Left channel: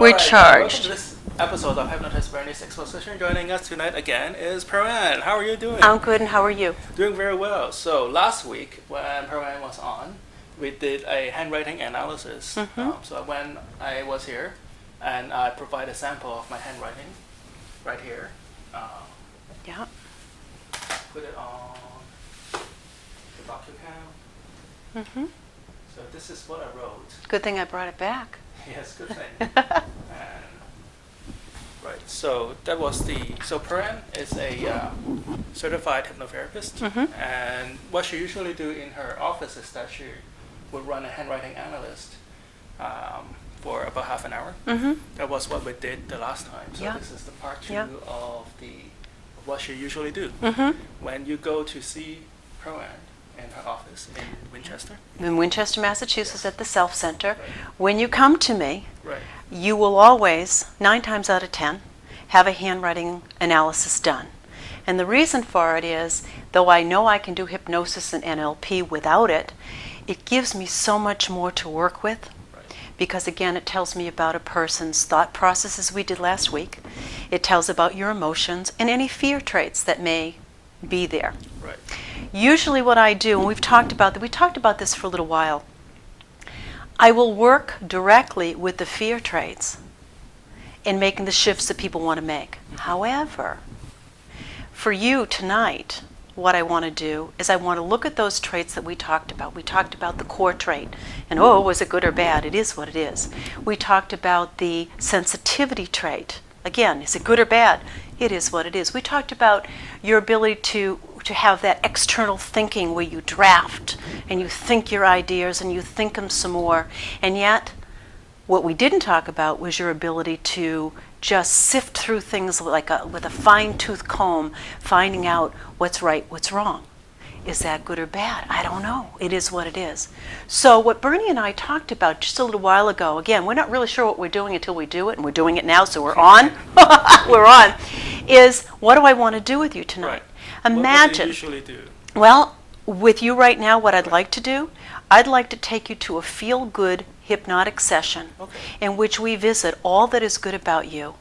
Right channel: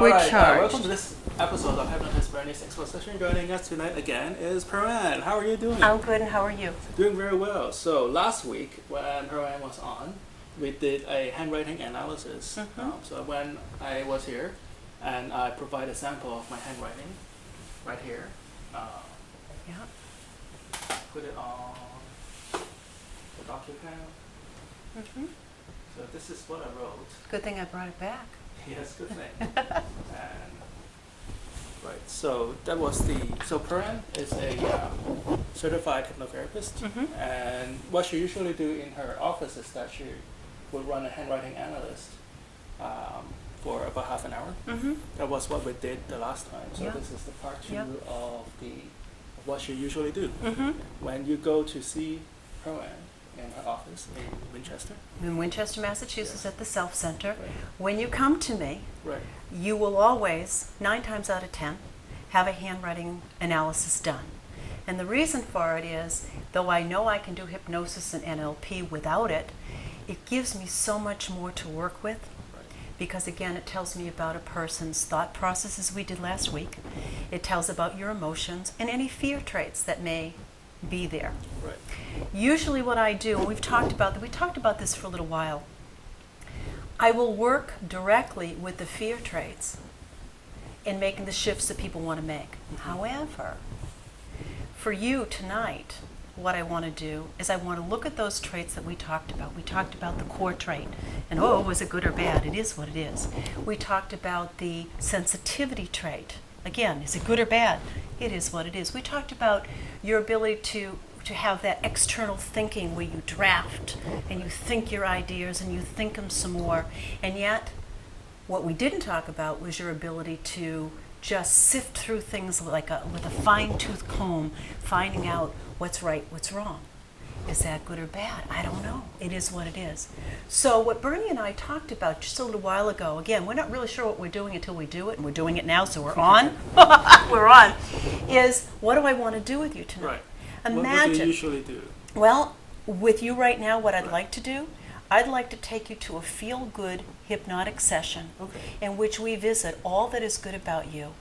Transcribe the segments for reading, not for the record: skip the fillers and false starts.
We're charged. Welcome to this episode of Hypnotist Bernie's Exposition. Joining us tonight again is Pearlan. How are you doing? I'm good, and how are you? Doing very well. So last week when Pearlan was on, we did a handwriting analysis. So when I was here, and I provided a sample of my handwriting right here. Yeah. Put it on the document. So this is what I wrote. Good thing I brought it back. Yes, good thing. Right, so that was so Pearlan is a certified hypnotherapist, and what she usually do in her office is that she would run a handwriting analyst for about half an hour. That was what we did the last time. So this is the part two of what she usually do. When you go to see Pearlan in her office in Winchester. In Winchester, Massachusetts, at the Self Center. When you come to me, you will always, 9 times out of 10, have a handwriting analysis done. And the reason for it is, though I know I can do hypnosis and NLP without it, it gives me so much more to work with. Because again, it tells me about a person's thought processes we did last week. It tells about your emotions and any fear traits that may be there. Usually what I do, and we talked about this for a little while, I will work directly with the fear traits in making the shifts that people want to make. However, for you tonight, what I want to do is I want to look at those traits that we talked about. We talked about the core trait, and was it good or bad? It is what it is. We talked about the sensitivity trait. Again, is it good or bad? It is what it is. We talked about your ability to have that external thinking where you draft and you think your ideas and you think them some more. And yet, what we didn't talk about was your ability to just sift through things with a fine-tooth comb, finding out what's right, what's wrong. Is that good or bad? I don't know. It is what it is. So what Bernie and I talked about just a little while ago, again, we're not really sure what we're doing until we do it, and we're doing it now, so we're on. We're on. Is what do I want to do with you tonight? Imagine. What do you usually do? Well, with you right now, what I'd like to do, I'd like to take you to a feel-good hypnotic session in which we visit all that is good about you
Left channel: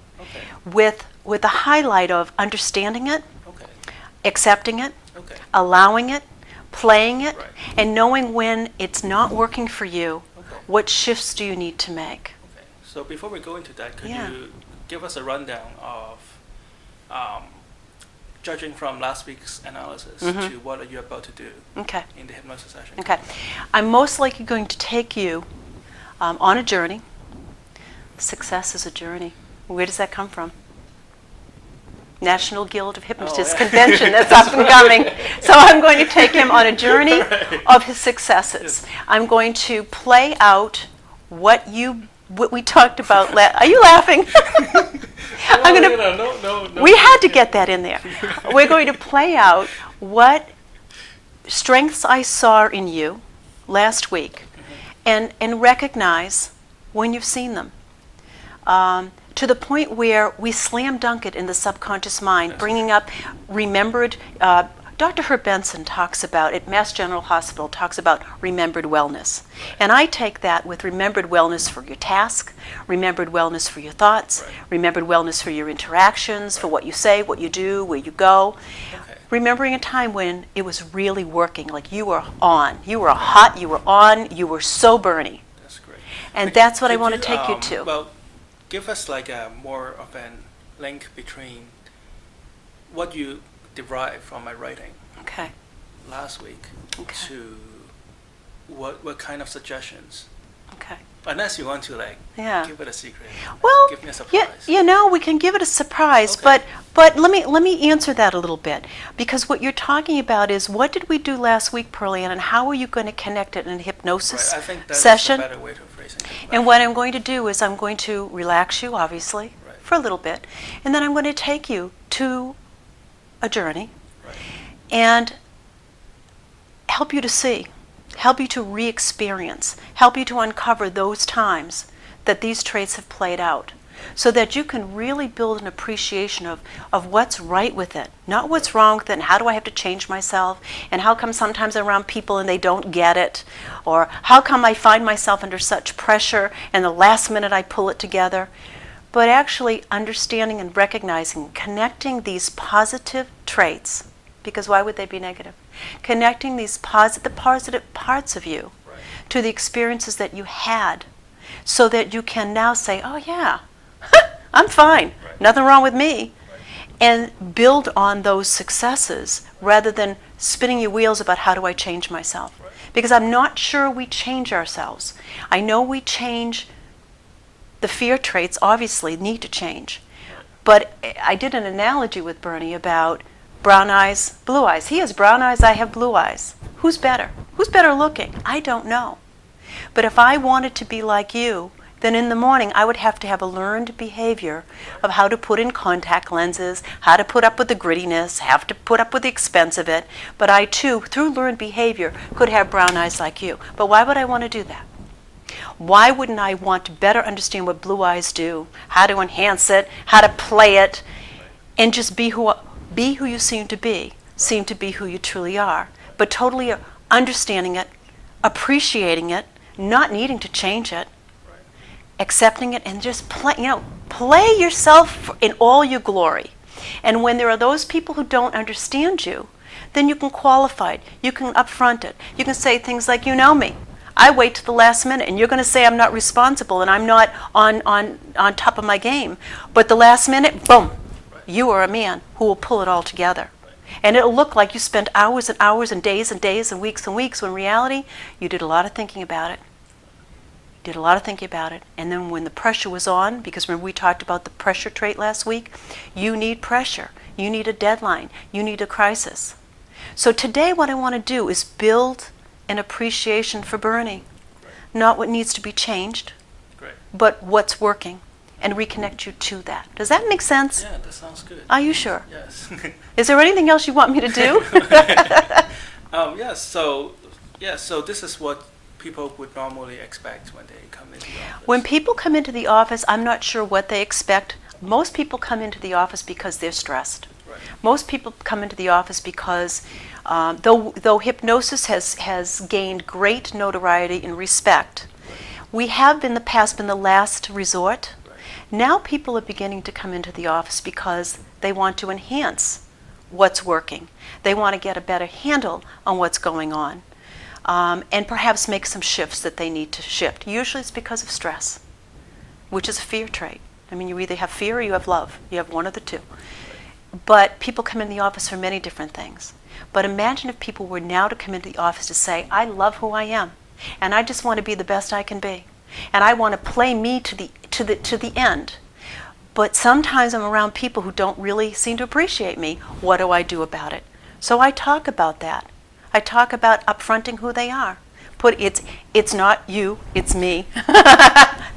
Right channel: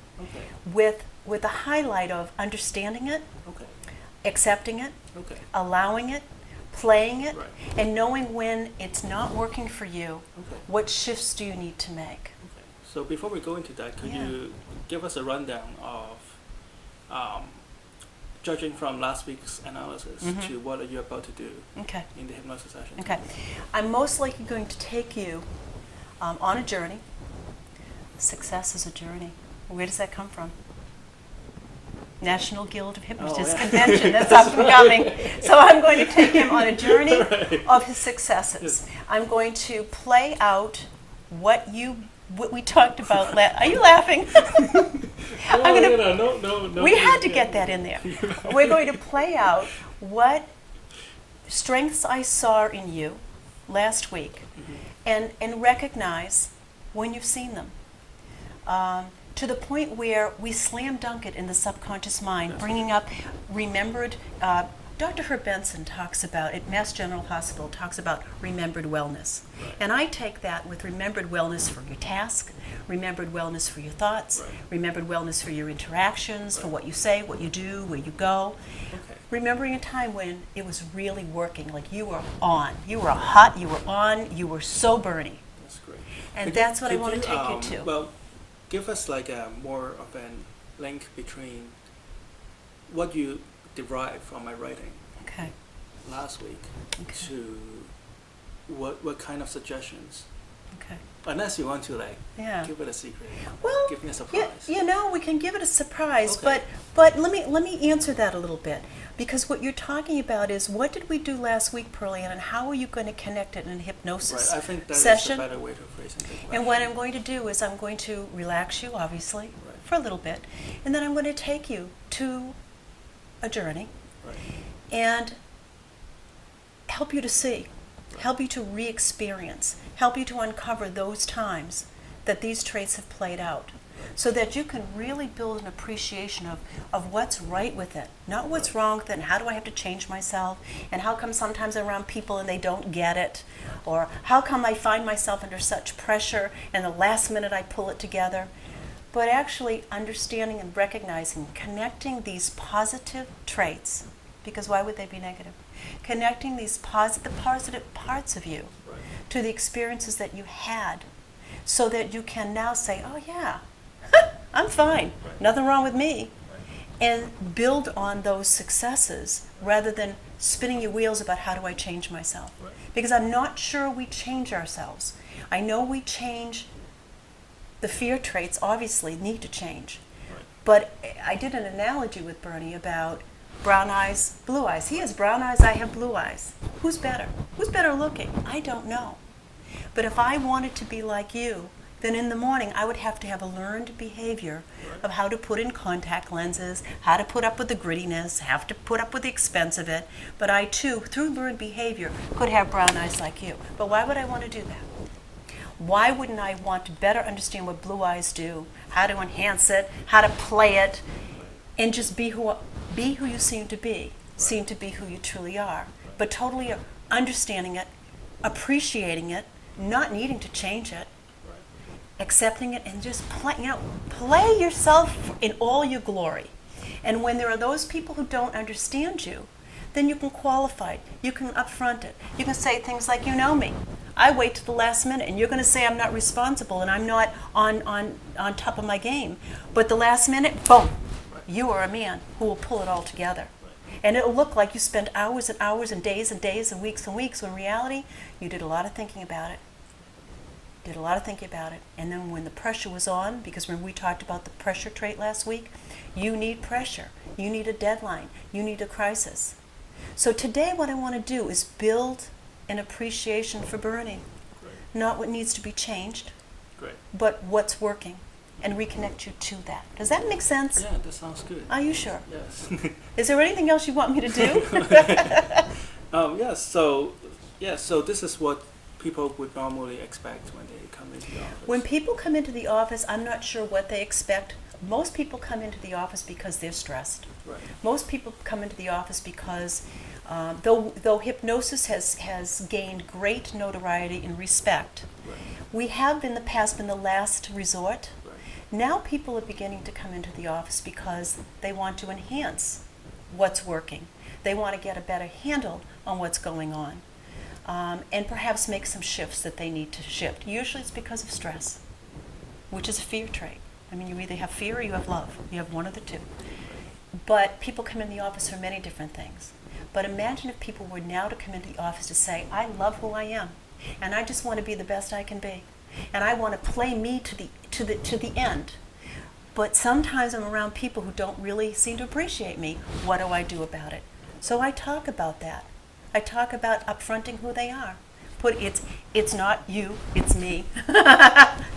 with the highlight of understanding it, accepting it, allowing it, playing it, and knowing when it's not working for you, what shifts do you need to make. So before we go into that, could you give us a rundown of, judging from last week's analysis to what are you about to do in the hypnosis session? I'm most likely going to take you on a journey. Success is a journey. Where does that come from? National Guild of Hypnotists Convention, that's up and coming. So I'm going to take him on a journey of his successes. I'm going to play out what we talked about. Are you laughing? No. We had to get that in there. We're going to play out what strengths I saw in you last week and recognize when you've seen them. To the point where we slam dunk it in the subconscious mind, bringing up remembered. Dr. Herb Benson talks about, at Mass General Hospital, talks about remembered wellness. And I take that with remembered wellness for your task, remembered wellness for your thoughts, remembered wellness for your interactions, for what you say, what you do, where you go. Remembering a time when it was really working, like you were on. You were hot, you were on, you were so Bernie. That's great. And that's what I want to take you to. Well, give us like a more of a link between what you derived from my writing last week to what kind of suggestions. Unless you want to give it a secret. Well, give me a surprise. We can give it a surprise, but let me answer that a little bit, because what you're talking about is what did we do last week, Pearlan, and how are you going to connect it in a hypnosis session? I think that is a better way to phrase it. And what I'm going to do is I'm going to relax you, obviously, for a little bit, and then I'm going to take you to a journey and help you to see, help you to re-experience, help you to uncover those times that these traits have played out. so that you can really build an appreciation of what's right with it, not what's wrong with it, and how do I have to change myself, and how come sometimes I'm around people and they don't get it, or how come I find myself under such pressure and the last minute I pull it together. But actually understanding and recognizing, connecting these positive traits, because why would they be negative? Connecting these the positive parts of you to the experiences that you had, so that you can now say, oh yeah, I'm fine, nothing wrong with me, and build on those successes rather than spinning your wheels about how do I change myself. Because I'm not sure we change ourselves. I know we change the fear traits, obviously need to change. But I did an analogy with Bernie about brown eyes, blue eyes. He has brown eyes, I have blue eyes. Who's better? Who's better looking? I don't know. But if I wanted to be like you, then in the morning I would have to have a learned behavior of how to put in contact lenses, how to put up with the grittiness, have to put up with the expense of it. But I too, through learned behavior, could have brown eyes like you. But why would I want to do that? Why wouldn't I want to better understand what blue eyes do, how to enhance it, how to play it, and just be who you seem to be who you truly are, but totally understanding it, appreciating it, not needing to change it, accepting it, and just play yourself in all your glory. And when there are those people who don't understand you, then you can qualify it, you can upfront it, you can say things like, you know me, I wait to the last minute, and you're going to say I'm not responsible and I'm not on top of my game, but the last minute, boom, you are a man who will pull it all together. And it'll look like you spent hours and hours and days and weeks, when in reality, you did a lot of thinking about it. And then when the pressure was on, because remember we talked about the pressure trait last week, you need pressure, you need a deadline, you need a crisis. So today what I want to do is build an appreciation for Bernie. Not what needs to be changed, but what's working, and reconnect you to that. Does that make sense? Yeah, that sounds good. Are you sure? Yes. Is there anything else you want me to do? Yes. So this is what people would normally expect when they come into the office. When people come into the office, I'm not sure what they expect. Most people come into the office because they're stressed. Most people come into the office because though hypnosis has gained great notoriety and respect, we have in the past been the last resort. Now people are beginning to come into the office because they want to enhance what's working. They want to get a better handle on what's going on, and perhaps make some shifts that they need to shift. Usually it's because of stress, which is a fear trait. I mean, you either have fear or you have love. You have one of the two. But people come in the office for many different things. But imagine if people were now to come into the office to say, I love who I am, and I just want to be the best I can be, and I want to play me to the end. But sometimes I'm around people who don't really seem to appreciate me. What do I do about it? So I talk about that. I talk about upfronting who they are. It's not you, it's me.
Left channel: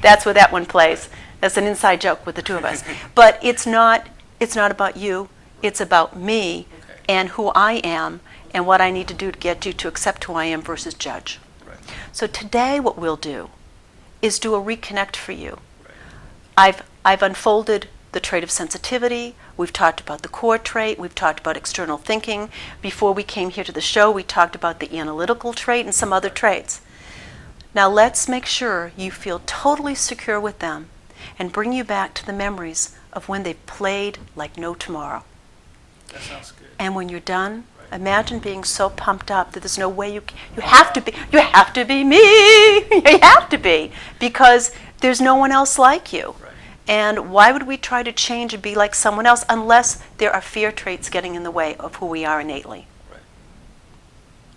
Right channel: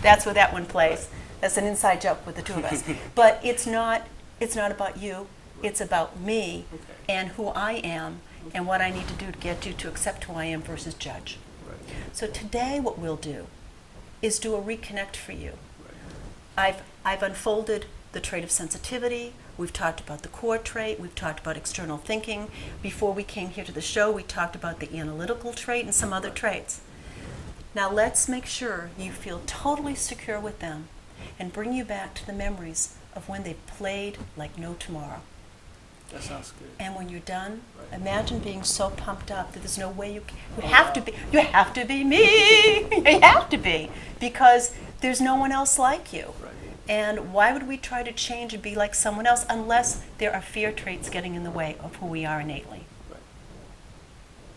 That's where that one plays. That's an inside joke with the two of us. But it's not about you. It's about me and who I am and what I need to do to get you to accept who I am versus judge. So today what we'll do is do a reconnect for you. I've unfolded the trait of sensitivity. We've talked about the core trait. We've talked about external thinking. Before we came here to the show, we talked about the analytical trait and some other traits. Now let's make sure you feel totally secure with them and bring you back to the memories of when they played like no tomorrow. That sounds good. And when you're done, imagine being so pumped up that there's no way you have to be me. You have to be, because there's no one else like you. And why would we try to change and be like someone else unless there are fear traits getting in the way of who we are innately?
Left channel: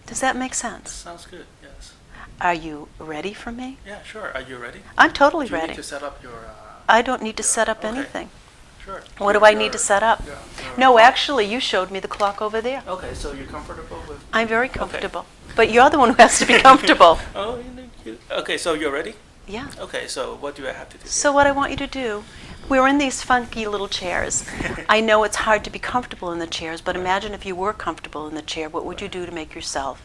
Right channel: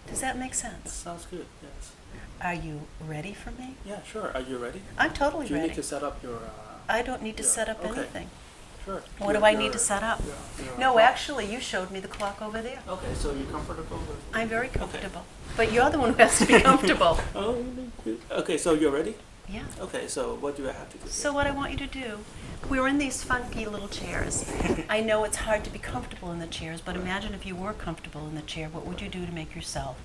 Does that make sense? That sounds good, yes. Are you ready for me? Yeah, sure. Are you ready? I'm totally Do you ready. need to set up your... I don't need to set up anything. Sure. What do I need to set up? No, actually, you showed me the clock over there. Okay, so you're comfortable with... I'm very comfortable. Okay. But you're the one who has to be comfortable. Okay, so you're ready? Yeah. Okay, so what do I have to do? So what I want you to do, we're in these funky little chairs. I know it's hard to be comfortable in the chairs, but imagine if you were comfortable in the chair, what would you do to make yourself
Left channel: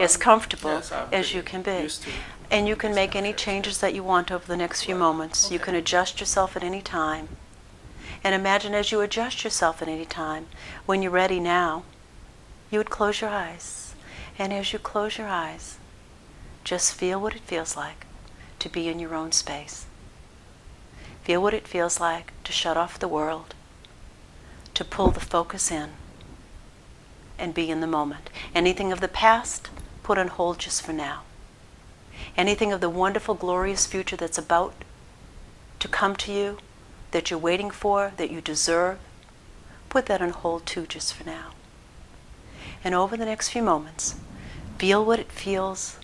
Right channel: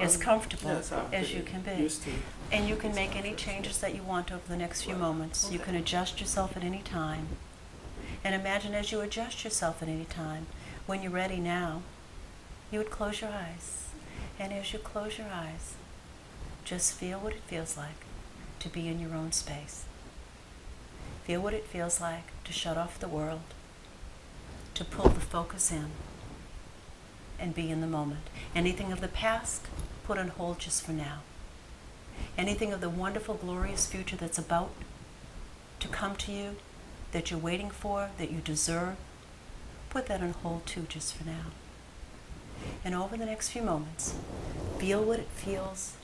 as comfortable as you can be? And you can make any changes that you want over the next few moments. You can adjust yourself at any time. And imagine as you adjust yourself at any time, when you're ready now, you would close your eyes. And as you close your eyes, just feel what it feels like to be in your own space. Feel what it feels like to shut off the world, to pull the focus in, and be in the moment. Anything of the past, put on hold just for now. Anything of the wonderful, glorious future that's about to come to you, that you're waiting for, that you deserve, put that on hold too just for now. And over the next few moments, feel what it feels,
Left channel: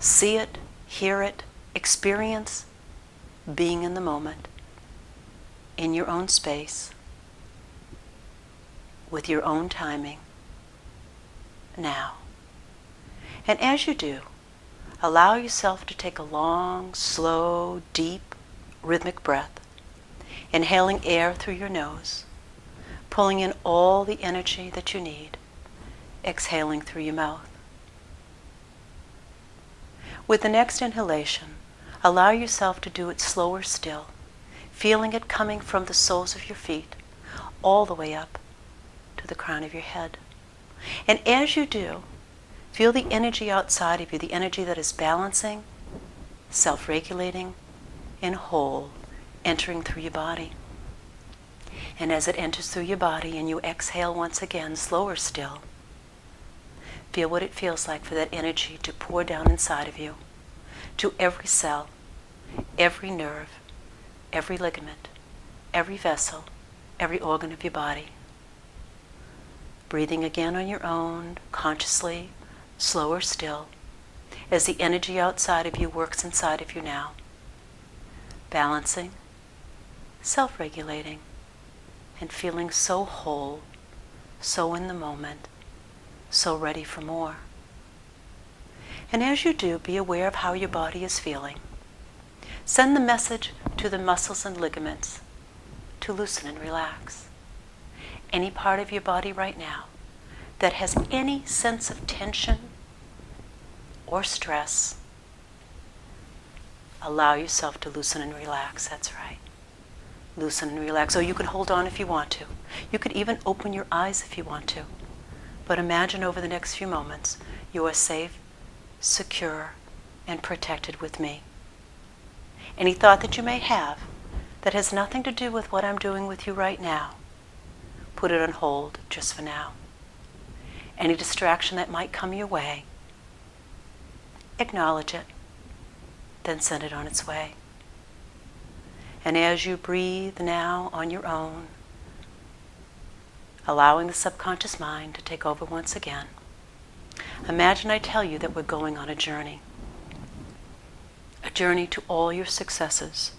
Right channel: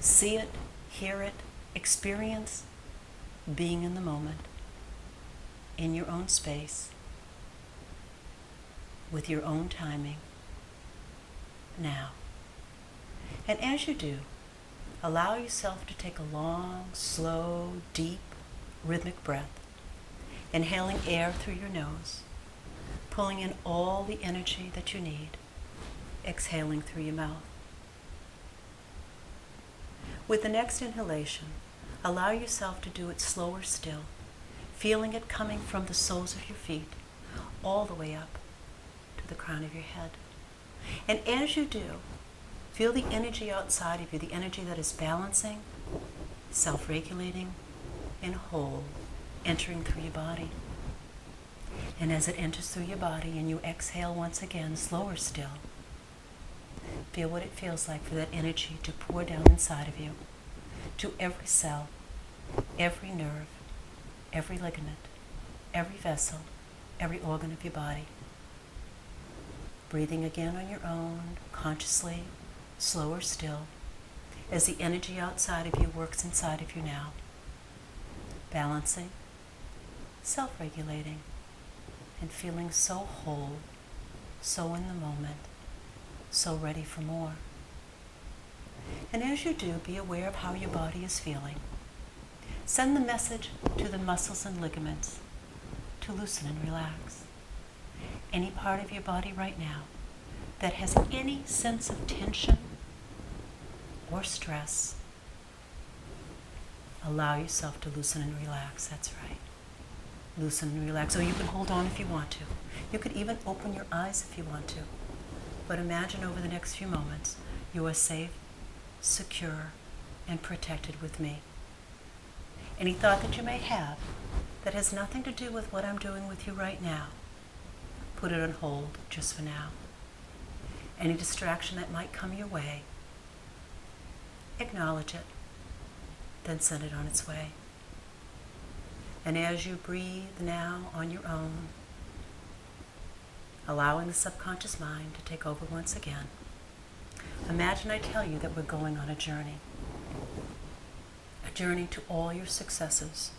see it, hear it, experience being in the moment, in your own space, with your own timing, now. And as you do, allow yourself to take a long, slow, deep, rhythmic breath, inhaling air through your nose, pulling in all the energy that you need, exhaling through your mouth. With the next inhalation, allow yourself to do it slower still, feeling it coming from the soles of your feet all the way up to the crown of your head. And as you do, feel the energy outside of you, the energy that is balancing, self-regulating, and whole, entering through your body. And as it enters through your body and you exhale once again, slower still, feel what it feels like for that energy to pour down inside of you, to every cell, every nerve, every ligament, every vessel, every organ of your body. Breathing again on your own, consciously, slower still, as the energy outside of you works inside of you now. Balancing, self-regulating, and feeling so whole, so in the moment, so ready for more. And as you do, be aware of how your body is feeling. Send the message to the muscles and ligaments to loosen and relax. Any part of your body right now that has any sense of tension or stress, allow yourself to loosen and relax. That's right. Loosen and relax. Or you can hold on if you want to. You could even open your eyes if you want to. But imagine over the next few moments, you are safe, secure, and protected with me. Any thought that you may have that has nothing to do with what I'm doing with you right now, put it on hold just for now. Any distraction that might come your way, acknowledge it, then send it on its way. And as you breathe now on your own, allowing the subconscious mind to take over once again, imagine I tell you that we're going on a journey to all your successes.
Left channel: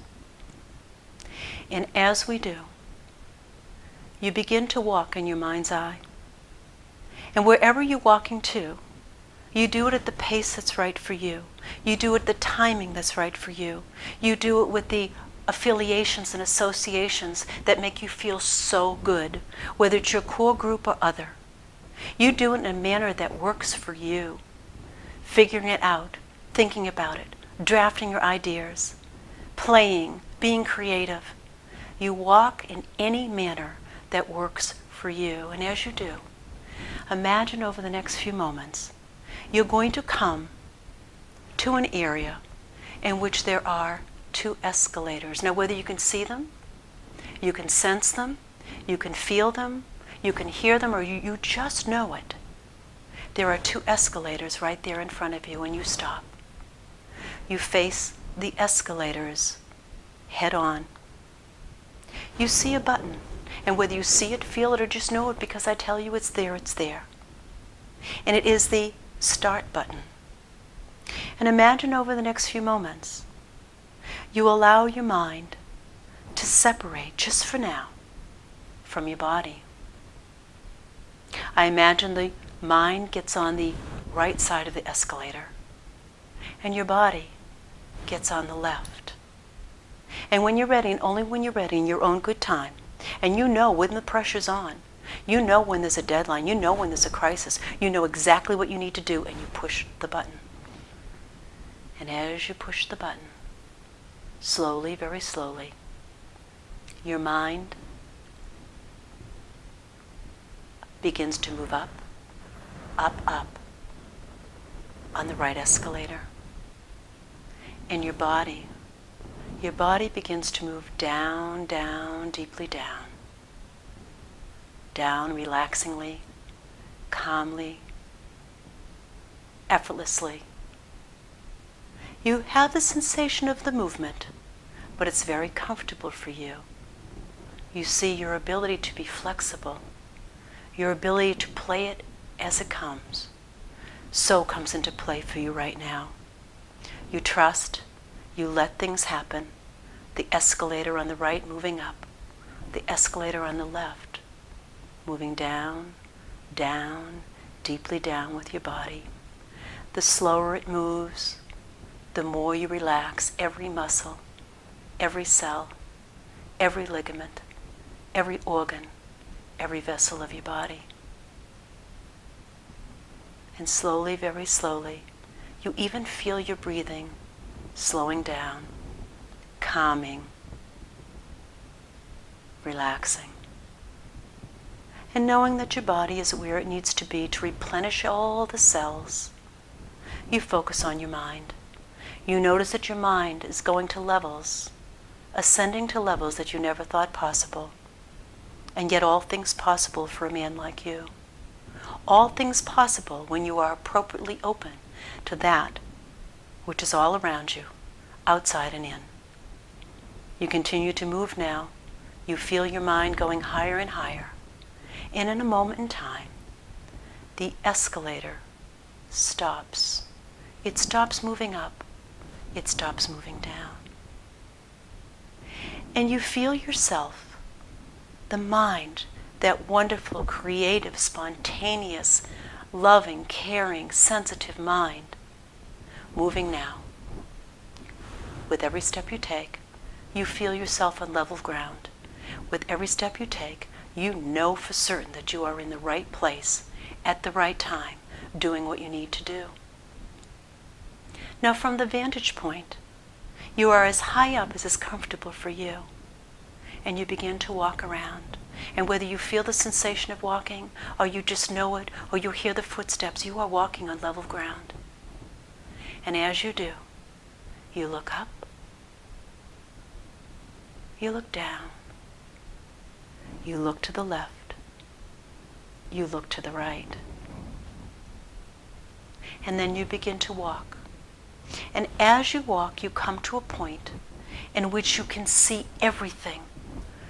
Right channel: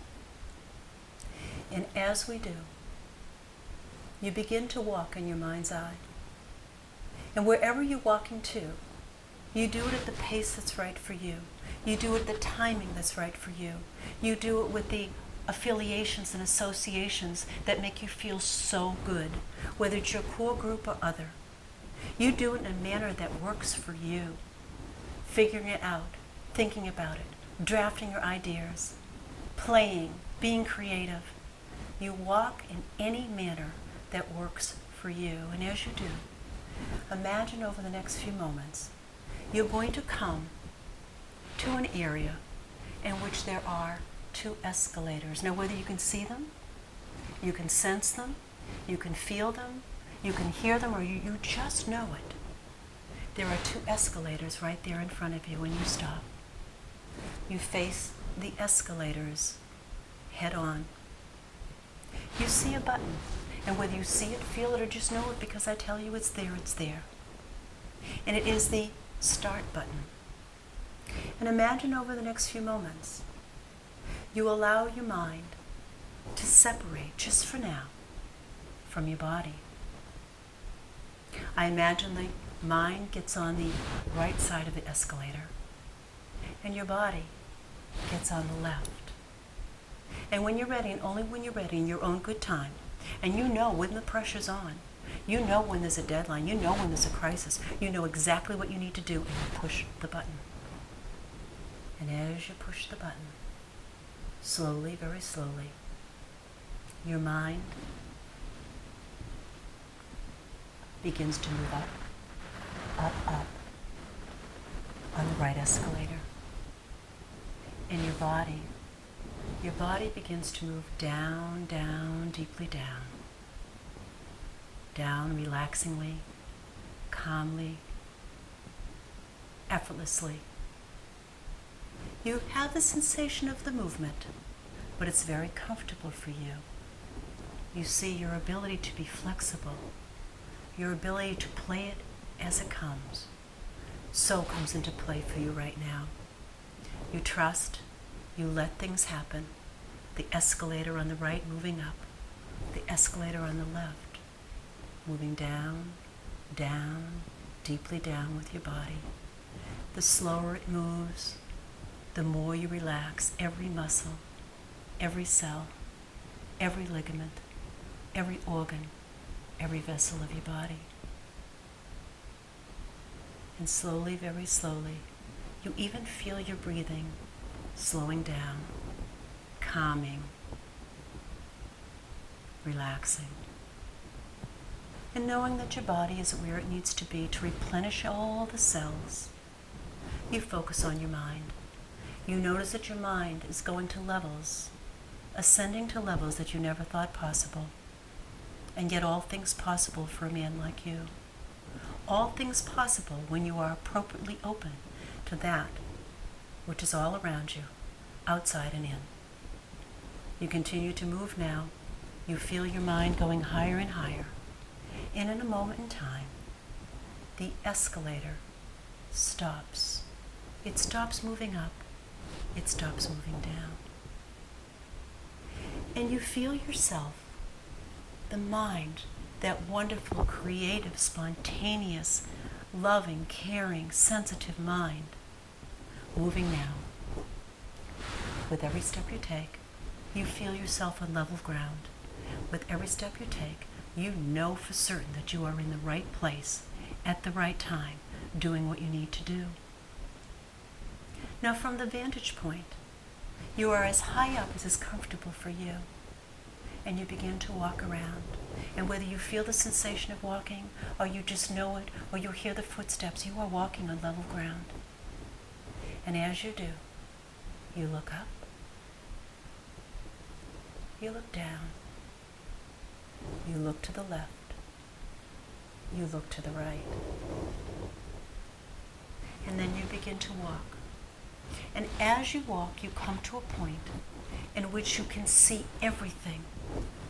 And as we do, you begin to walk in your mind's eye. And wherever you're walking to, you do it at the pace that's right for you. You do it at the timing that's right for you. You do it with the affiliations and associations that make you feel so good, whether it's your core group or other. You do it in a manner that works for you, figuring it out, thinking about it, drafting your ideas, playing, being creative. You walk in any manner that works for you. And as you do, imagine over the next few moments, you're going to come to an area in which there are 2 escalators. Now, whether you can see them, you can sense them, you can feel them, you can hear them, or you just know it. There are 2 escalators right there in front of you, and you stop. You face the escalators head on. You see a button, and whether you see it, feel it, or just know it because I tell you it's there, it's there. And it is the start button. And imagine over the next few moments, you allow your mind to separate, just for now, from your body. I imagine the mind gets on the right side of the escalator, and your body gets on the left. And when you're ready, and only when you're ready, in your own good time, and you know when the pressure's on, you know when there's a deadline, you know when there's a crisis, you know exactly what you need to do, and you push the button. And as you push the button, slowly, very slowly, your mind begins to move up, up, on the right escalator. And your body begins to move down, down, deeply down. Down relaxingly, calmly, effortlessly. You have the sensation of the movement, but it's very comfortable for you. You see your ability to be flexible, your ability to play it as it comes, so comes into play for you right now. You trust, you let things happen, the escalator on the right moving up, the escalator on the left moving down, down, deeply down with your body. The slower it moves, the more you relax every muscle, every cell, every ligament, every organ, every vessel of your body. And slowly, very slowly, you even feel your breathing slowing down, calming, relaxing. And knowing that your body is where it needs to be to replenish all the cells, you focus on your mind. You notice that your mind is going to levels, ascending to levels that you never thought possible. And yet all things possible for a man like you. All things possible when you are appropriately open to that which is all around you, outside and in. You continue to move now. You feel your mind going higher and higher. And in a moment in time, the escalator stops. It stops moving up. It stops moving down. And you feel yourself, the mind, that wonderful, creative, spontaneous, loving, caring, sensitive mind, moving now. With every step you take, you feel yourself on level ground. With every step you take, you know for certain that you are in the right place, at the right time, doing what you need to do. Now from the vantage point, you are as high up as is comfortable for you. And you begin to walk around. And whether you feel the sensation of walking, or you just know it, or you hear the footsteps, you are walking on level ground. And as you do, you look up, you look down, you look to the left, you look to the right. And then you begin to walk. And as you walk, you come to a point in which you can see everything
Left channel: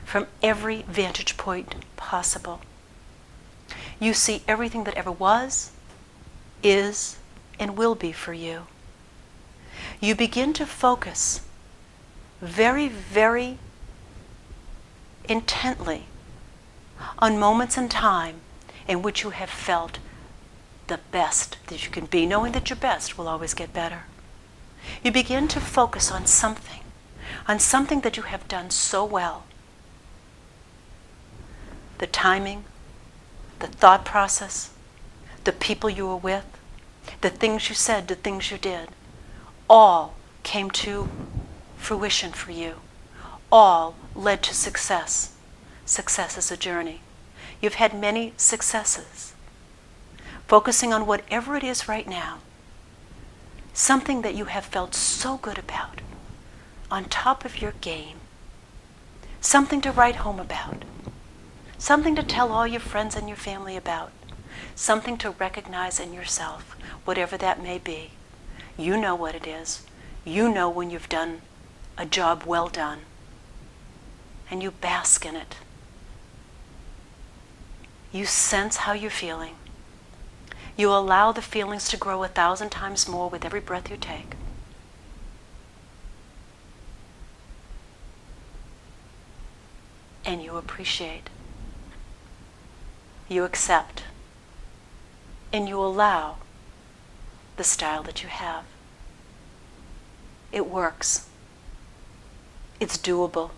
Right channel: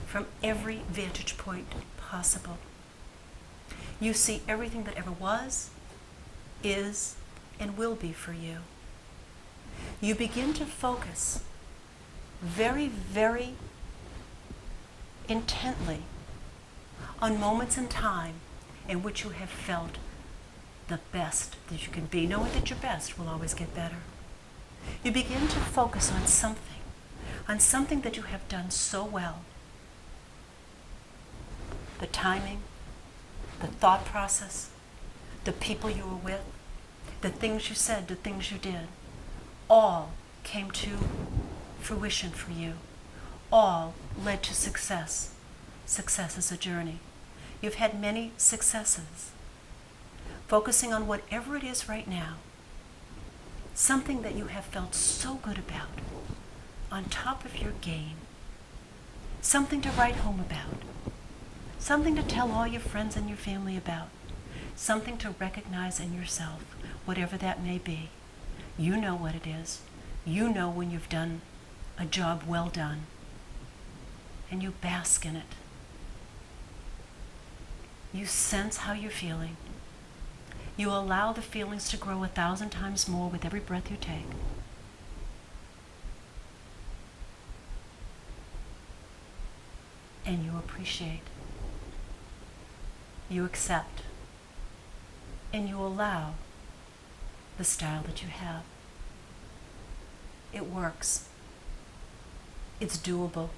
from every vantage point possible. You see everything that ever was, is, and will be for you. You begin to focus very, very intently on moments in time in which you have felt the best that you can be, knowing that your best will always get better. You begin to focus on something that you have done so well. The timing, the thought process, the people you were with, the things you said, the things you did, all came to fruition for you. All led to success. Success is a journey. You've had many successes. Focusing on whatever it is right now, something that you have felt so good about, on top of your game, something to write home about, something to tell all your friends and your family about, something to recognize in yourself, whatever that may be. You know what it is. You know when you've done a job well done, and you bask in it. You sense how you're feeling. You allow the feelings to grow 1,000 times more with every breath you take. And you appreciate. You accept. And you allow the style that you have. It works. It's doable.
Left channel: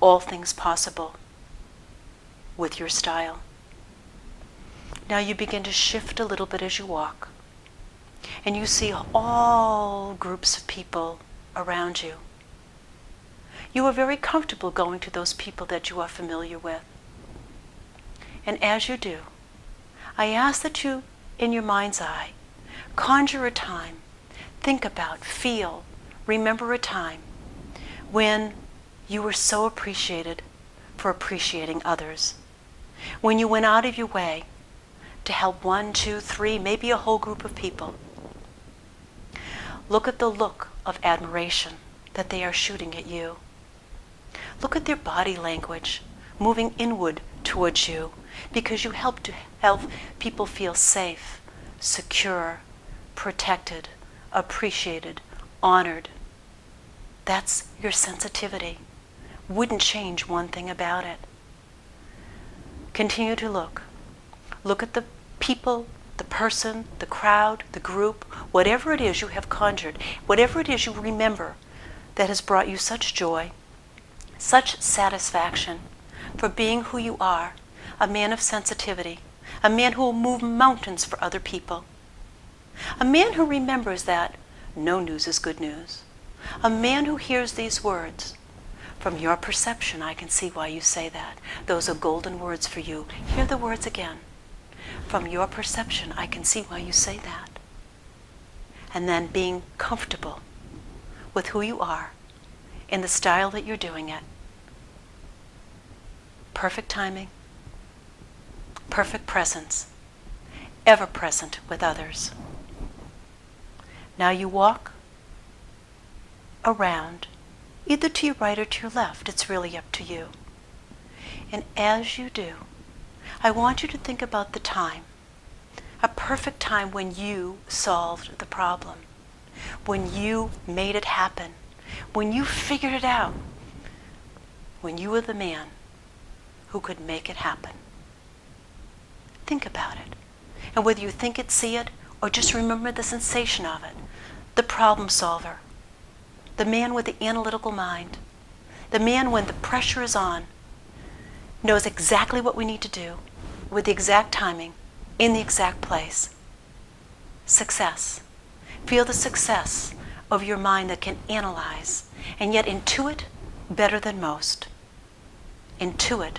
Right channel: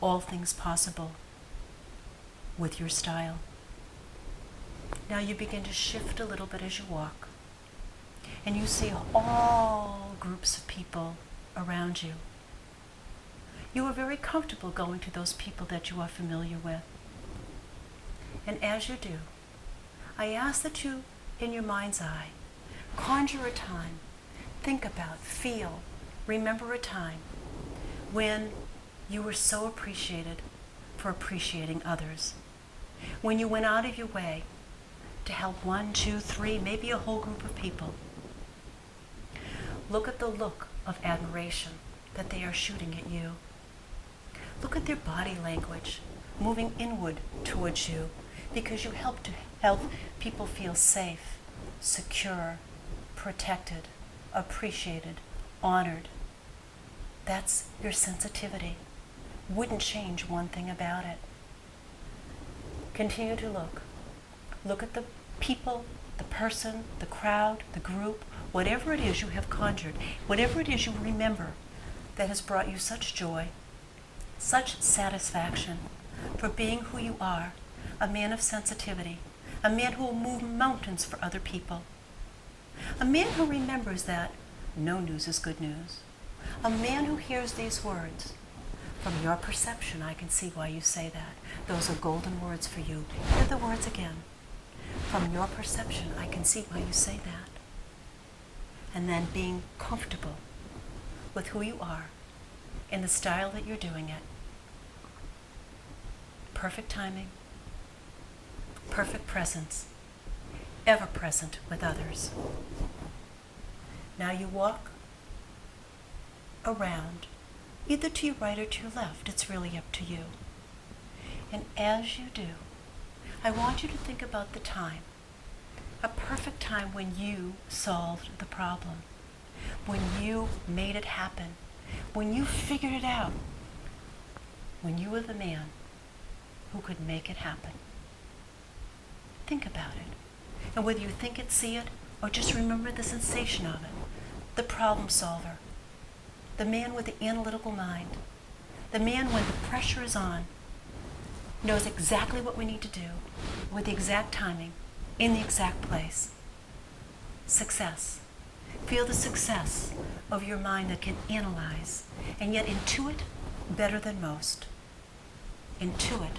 All things possible with your style. Now you begin to shift a little bit as you walk. and you see all groups of people around you. You are very comfortable going to those people that you are familiar with. And as you do, I ask that you, in your mind's eye, conjure a time, think about, feel, remember a time when you were so appreciated for appreciating others. When you went out of your way to help 1, 2, 3, maybe a whole group of people. Look at the look of admiration that they are shooting at you. Look at their body language moving inward towards you because you help people feel safe, secure, protected, appreciated, honored. That's your sensitivity. Wouldn't change one thing about it. Continue to look. Look at the people, the person, the crowd, the group, whatever it is you have conjured, whatever it is you remember that has brought you such joy, such satisfaction for being who you are, a man of sensitivity, a man who will move mountains for other people, a man who remembers that no news is good news, a man who hears these words. From your perception, I can see why you say that. Those are golden words for you. Hear the words again. From your perception, I can see why you say that. And then being comfortable with who you are in the style that you're doing it. Perfect timing, perfect presence, ever present with others. Now you walk around, either to your right or to your left. It's really up to you. And as you do, I want you to think about the time, a perfect time when you solved the problem, when you made it happen, when you figured it out, when you were the man who could make it happen. Think about it. And whether you think it, see it, or just remember the sensation of it, the problem solver, the man with the analytical mind, the man when the pressure is on, knows exactly what we need to do with the exact timing, in the exact place. Success. Feel the success of your mind that can analyze and yet intuit better than most. Intuit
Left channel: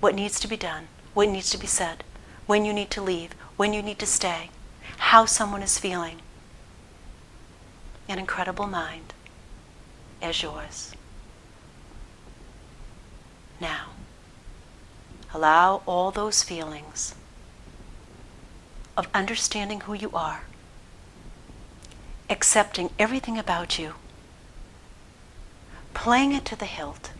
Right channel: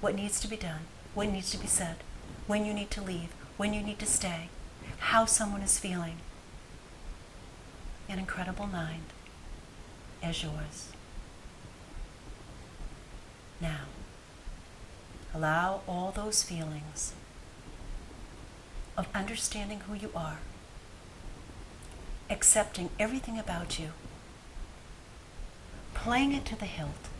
what needs to be done, what needs to be said, when you need to leave, when you need to stay, how someone is feeling. An incredible mind as yours. Now, allow all those feelings of understanding who you are, accepting everything about you, playing it to the hilt,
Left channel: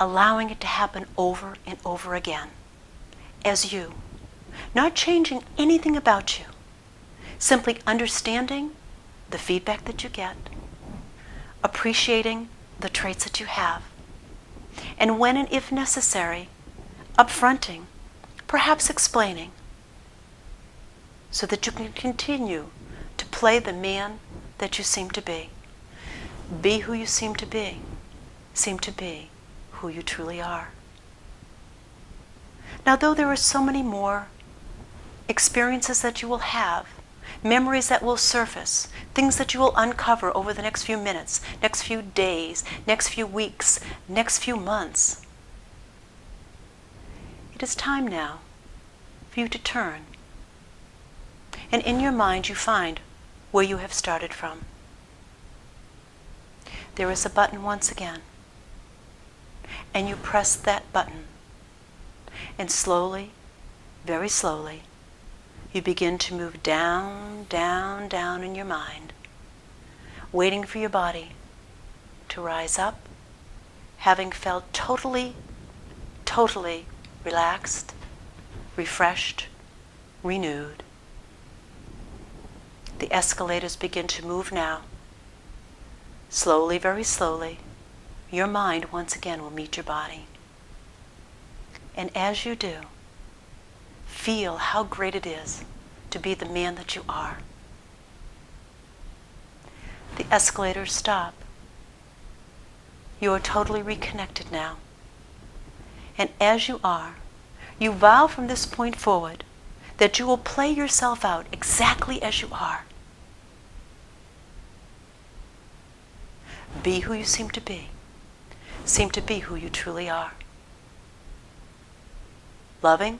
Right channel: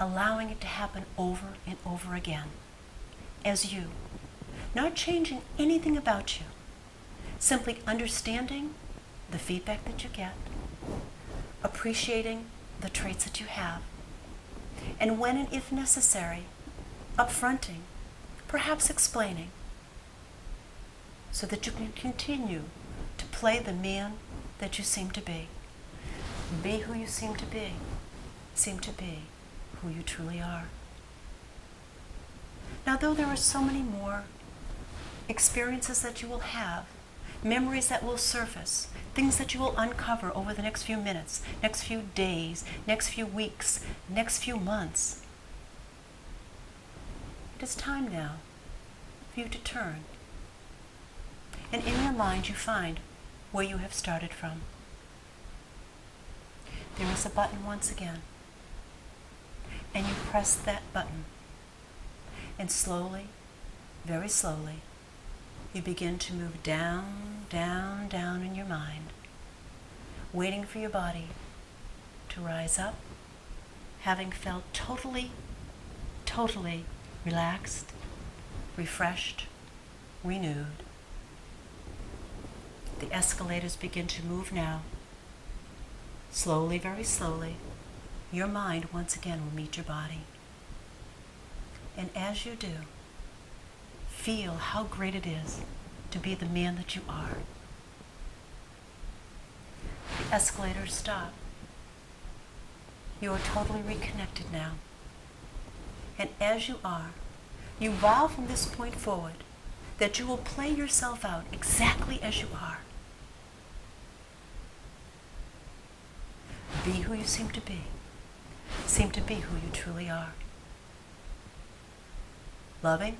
allowing it to happen over and over again as you, not changing anything about you, simply understanding the feedback that you get, appreciating the traits that you have, and when and if necessary, upfronting, perhaps explaining, so that you can continue to play the man that you seem to be. Be who you seem to be who you truly are. Now, though there are so many more experiences that you will have, memories that will surface, things that you will uncover over the next few minutes, next few days, next few weeks, next few months, it is time now for you to turn. And in your mind you find where you have started from. There is a button once again. And you press that button. And slowly, very slowly, you begin to move down, down, down in your mind, waiting for your body to rise up, having felt totally, totally relaxed, refreshed, renewed. The escalators begin to move now. Slowly, very slowly, your mind once again will meet your body. And as you do, feel how great it is to be the man that you are. The escalators stop. You are totally reconnected now. And as you are, you vow from this point forward that you will play yourself out exactly as you are. Be who you seem to be. Seem to be who you truly are. Loving,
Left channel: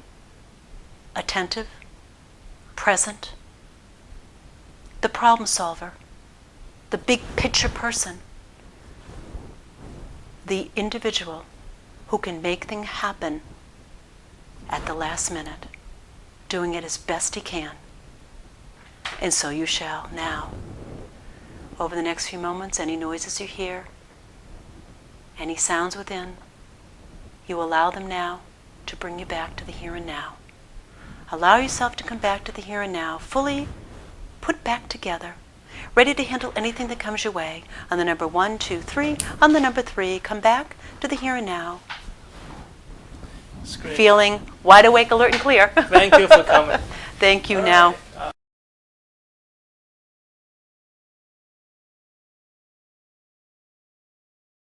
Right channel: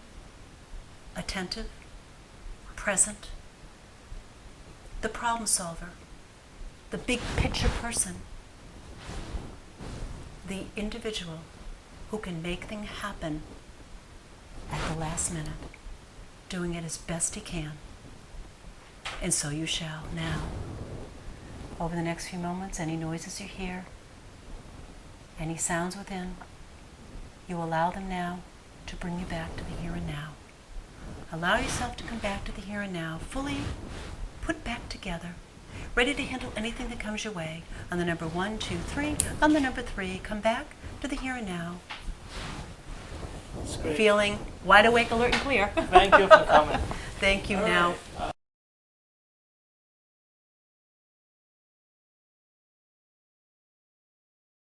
attentive, present, the problem solver, the big picture person, the individual who can make things happen at the last minute, doing it as best he can. And so you shall now. Over the next few moments, any noises you hear, any sounds within, you allow them now to bring you back to the here and now. Allow yourself to come back to the here and now, fully put back together, ready to handle anything that comes your way. On the number 1, 2, 3, on the number 3, come back to the here and now. That's great. Feeling wide awake, alert, and clear. Thank you for coming. Thank you All now. right.